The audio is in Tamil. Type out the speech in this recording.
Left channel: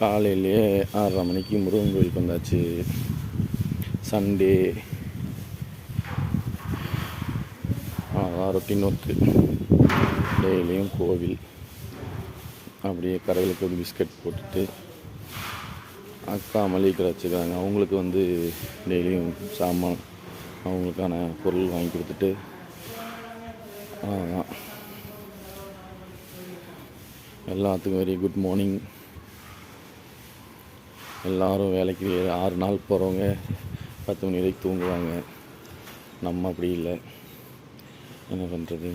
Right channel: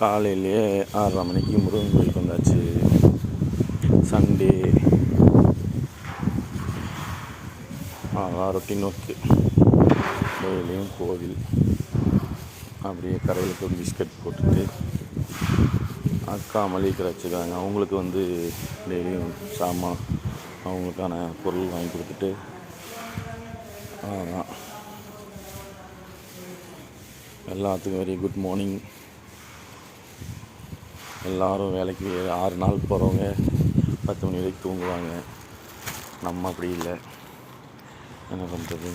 காலையிலேயே 6:30 மணிக்கு முருகன் கோயிலுக்கு வந்தாச்சு. Sunday routine work. டெய்லியும் கோவில். அப்படியே கடையில் போய் பிஸ்கட் போட்டுட்டு அக்கா மளிகை கடை வச்சுருக்காங்க. அவங்களுக்கு டெய்லியும் சாமான் அவங்களுக்கான பொருள் வாங்கி கொடுத்துட்டு அதான். எல்லாத்துக்கும் வெரி குட் மார்னிங். எல்லோரும் வேலைக்கு 6 நாள் போகிறவங்க 10 மணி வரைக்கும் தூங்குவாங்க. நம்ம அப்படி இல்லை, என்ன பண்ணுறது.